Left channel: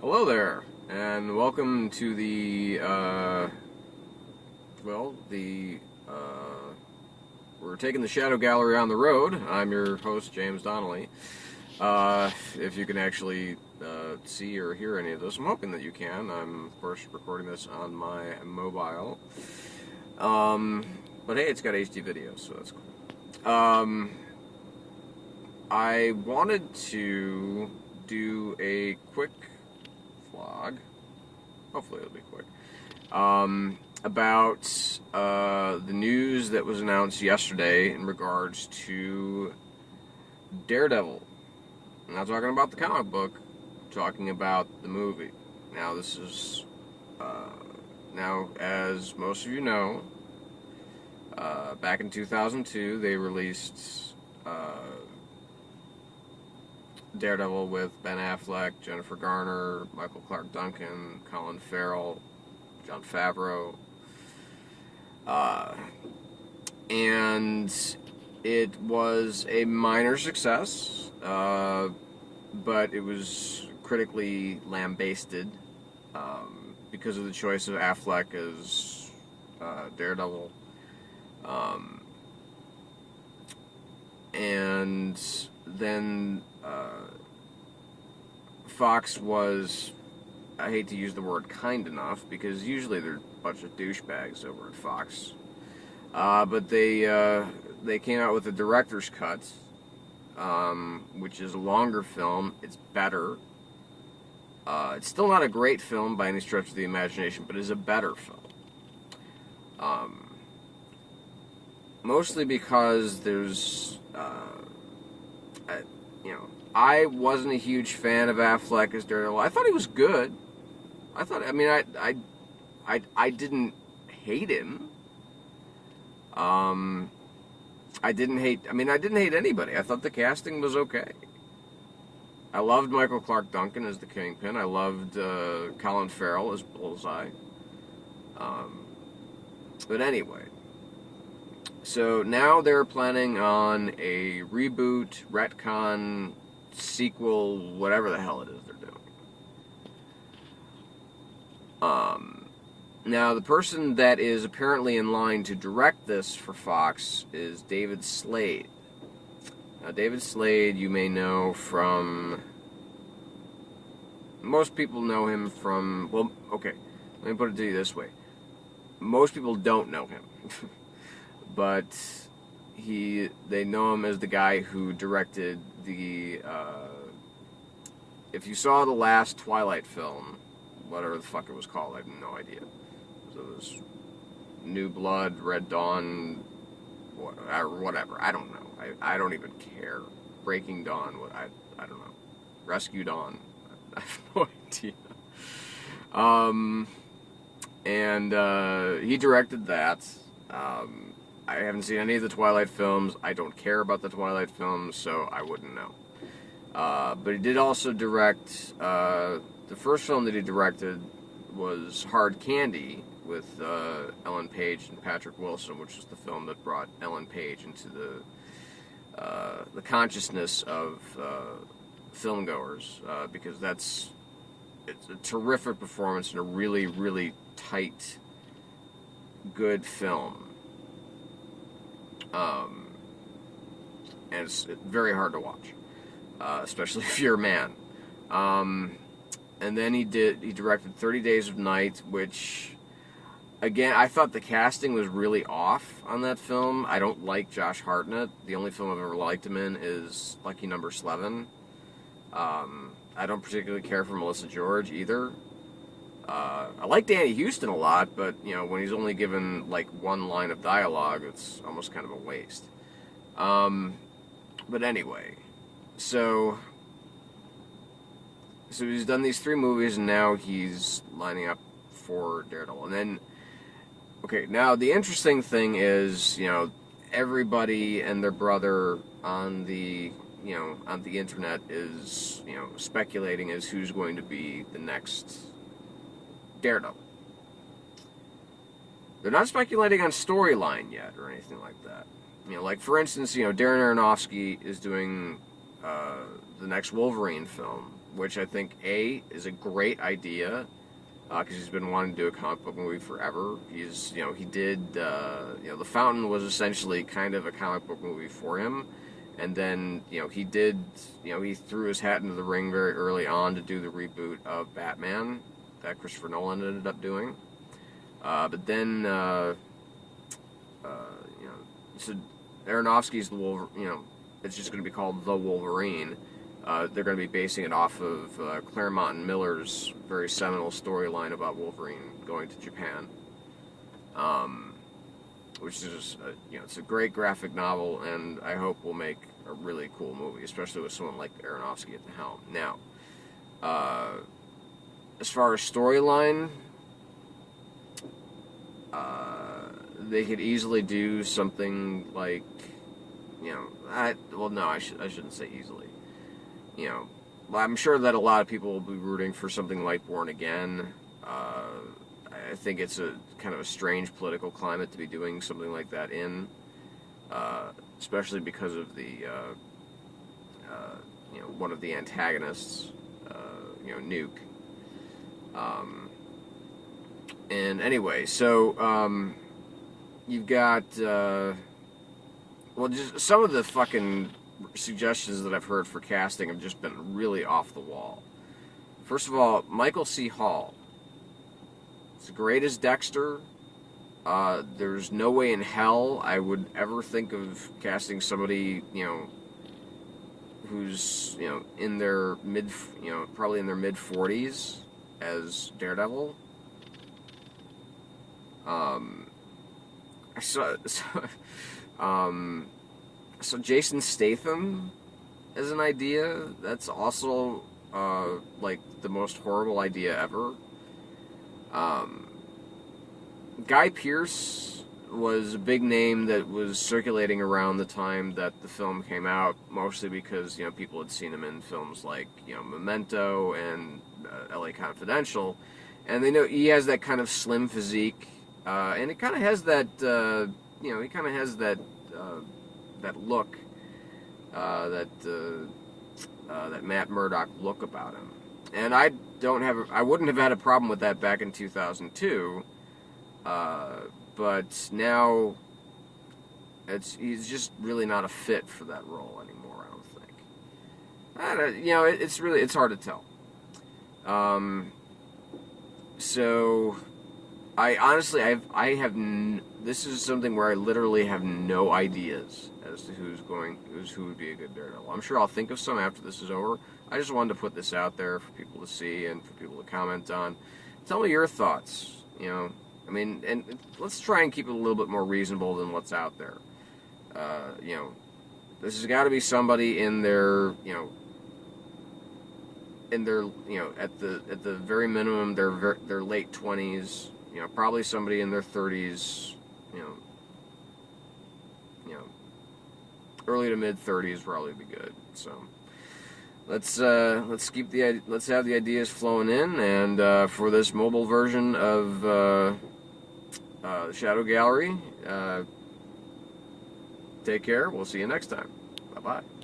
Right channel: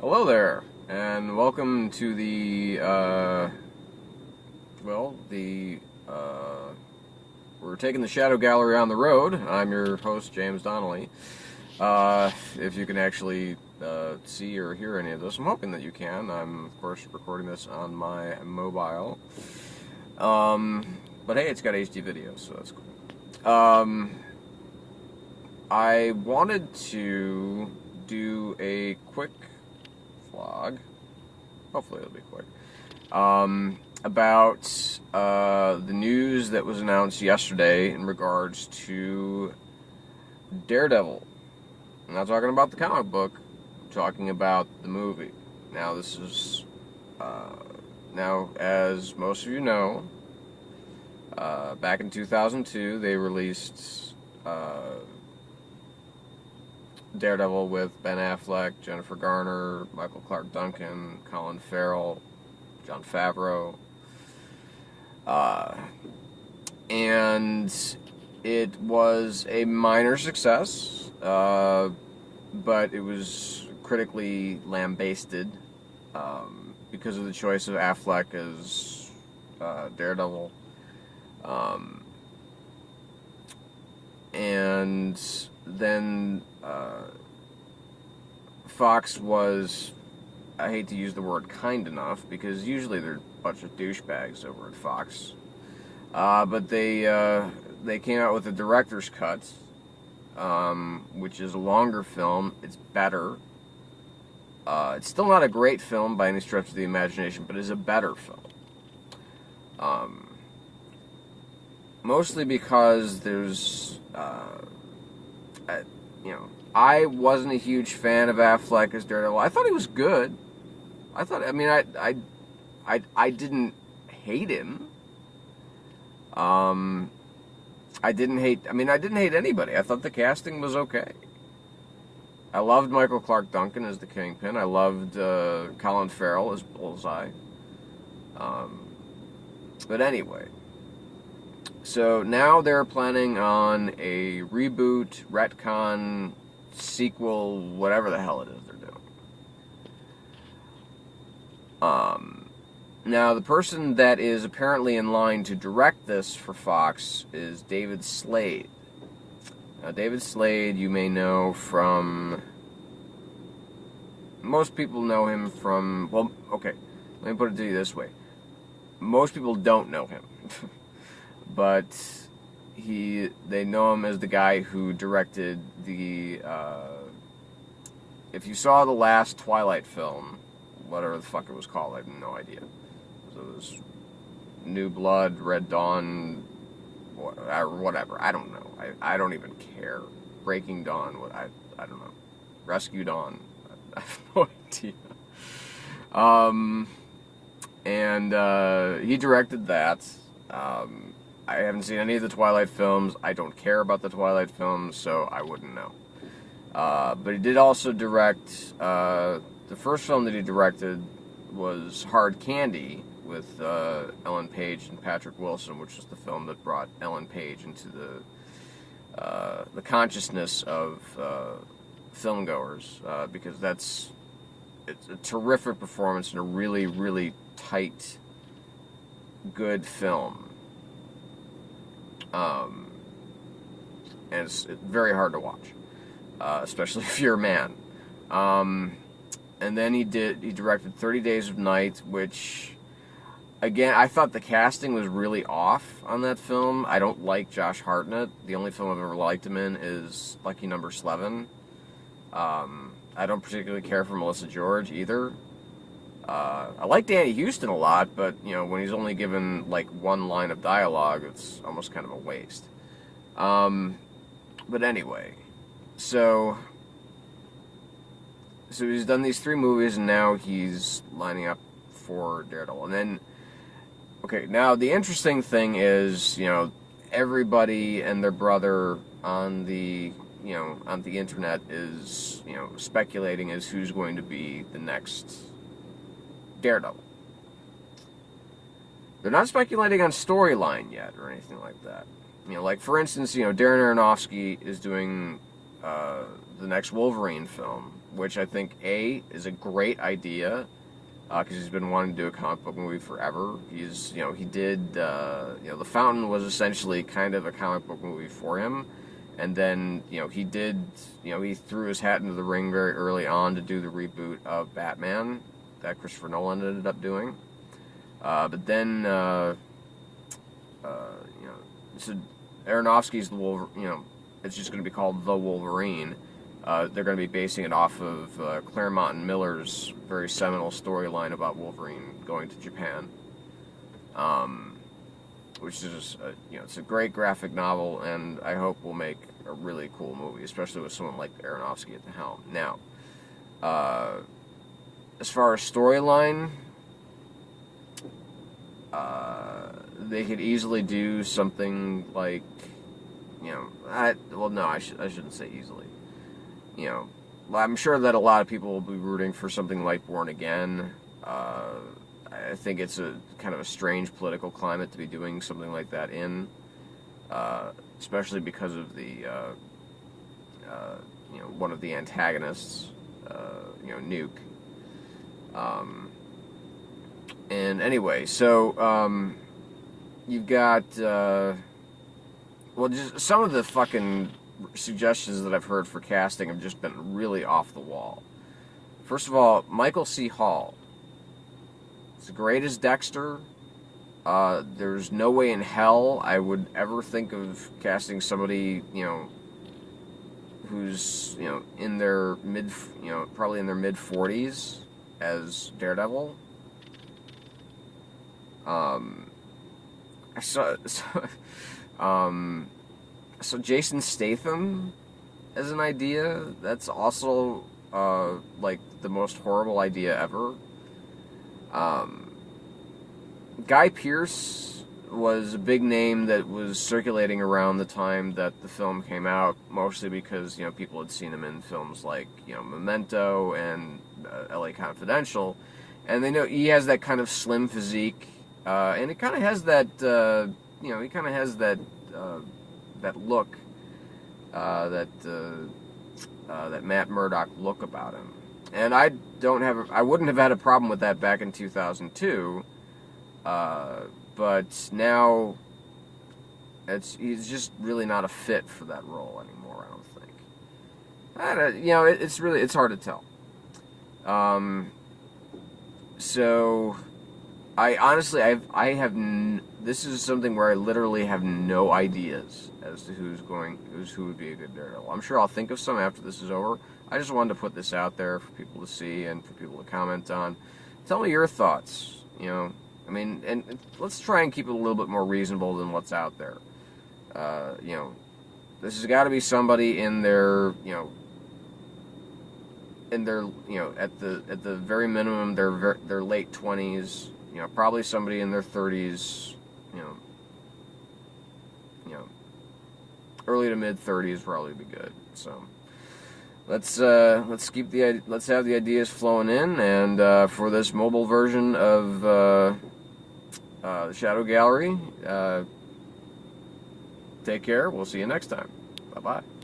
Hello there, and welcome to the, we're taking the Shadow Gallery on the road. I'm your host, James Donnelly. If you can actually see or hear any of this, I'm hoping that you can. I'm, of course, recording this on my mobile. But hey, it's got HD video, so that's cool. I wanted to do a quick vlog, hopefully it'll be quick, about the news that was announced yesterday in regards to Daredevil. I'm not talking about the comic book, I'm talking about the movie. Now this is, now as most of you know, back in 2002 they released Daredevil with Ben Affleck, Jennifer Garner, Michael Clark Duncan, Colin Farrell, Jon Favreau, and it was a minor success, but it was critically lambasted because of the choice of Affleck as Daredevil, and then Fox was, I hate to use the word kind enough, because usually they're a bunch of douchebags over at Fox, but they came out with a director's cut, which is a longer film. It's better. It's still not a great film by any stretch of the imagination, but it's a better film. Mostly because there's, I wasn't a huge fan of Affleck as Daredevil. I thought he was good. I didn't hate him. I didn't hate anybody. I thought the casting was okay. I loved Michael Clark Duncan as the Kingpin. I loved Colin Farrell as Bullseye. But anyway, so now they're planning on a reboot, retcon, sequel, whatever the hell it is they're doing. Now, the person that is apparently in line to direct this for Fox is David Slade. Now, David Slade, you may know from... Most people know him from... Well, okay, let me put it to you this way. Most people don't know him. But they know him as the guy who directed the, if you saw the last Twilight film, whatever the fuck it was called, I have no idea. So it was New Blood, Red Dawn, whatever, I don't know. I don't even care. Breaking Dawn, I don't know. Rescue Dawn, I have no idea. He directed that. I haven't seen any of the Twilight films. I don't care about the Twilight films, so I wouldn't know. But he did also direct, the first film that he directed was Hard Candy with Ellen Page and Patrick Wilson, which is the film that brought Ellen Page into the consciousness of filmgoers, because it's a terrific performance and a really, really tight, good film. And it's very hard to watch, especially if you're a man. And then he directed 30 Days of Night, which, again, I thought the casting was really off on that film. I don't like Josh Hartnett. The only film I've ever liked him in is Lucky Number 11. I don't particularly care for Melissa George either. I like Danny Houston a lot, but, when he's only given, like, one line of dialogue, it's almost kind of a waste. But anyway, so he's done these 3 movies, and now he's lining up for Daredevil. And then, okay, now the interesting thing is, everybody and their brother on the internet is, speculating as who's going to be the next Daredevil. They're not speculating on storyline yet or anything like that. Like, for instance, Darren Aronofsky is doing the next Wolverine film, which I think is a great idea, because he's been wanting to do a comic book movie forever. He did, The Fountain was essentially kind of a comic book movie for him, and then, he threw his hat into the ring very early on to do the reboot of Batman that Christopher Nolan ended up doing. But then, so Aronofsky's the Wolverine, it's just going to be called The Wolverine. They're going to be basing it off of Claremont and Miller's very seminal storyline about Wolverine going to Japan, which is it's a great graphic novel, and I hope will make a really cool movie, especially with someone like Aronofsky at the helm. Now, as far as storyline, they could easily do something like, I shouldn't say easily. I'm sure that a lot of people will be rooting for something like Born Again. I think it's a kind of a strange political climate to be doing something like that in, especially because of the, one of the antagonists, Nuke. And anyway, so, you've got, just some of the fucking suggestions that I've heard for casting have just been really off the wall. First of all, Michael C. Hall. As great as Dexter, there's no way in hell I would ever think of casting somebody, who's, in their probably in their mid-40s as Daredevil. So Jason Statham as an idea, that's also, like, the most horrible idea ever. Guy Pearce was a big name that was circulating around the time that the film came out, mostly because, people had seen him in films like, Memento and LA Confidential, and they know he has that kind of slim physique, and he kind of has that, that look, that Matt Murdock look about him. And I wouldn't have had a problem with that back in 2002, but now he's just really not a fit for that role anymore, I don't think. It's hard to tell. So I honestly, this is something where I literally have no ideas as to who would be a good Daredevil. I'm sure I'll think of some after this is over. I just wanted to put this out there for people to see and for people to comment on. Tell me your thoughts, and let's try and keep it a little bit more reasonable than what's out there. This has got to be somebody in their, at the very minimum, their late 20s, probably somebody in their 30s, early to mid 30s probably be good. So let's have the ideas flowing in, and for this mobile version of Shadow Gallery, take care. We'll see you next time. Bye bye.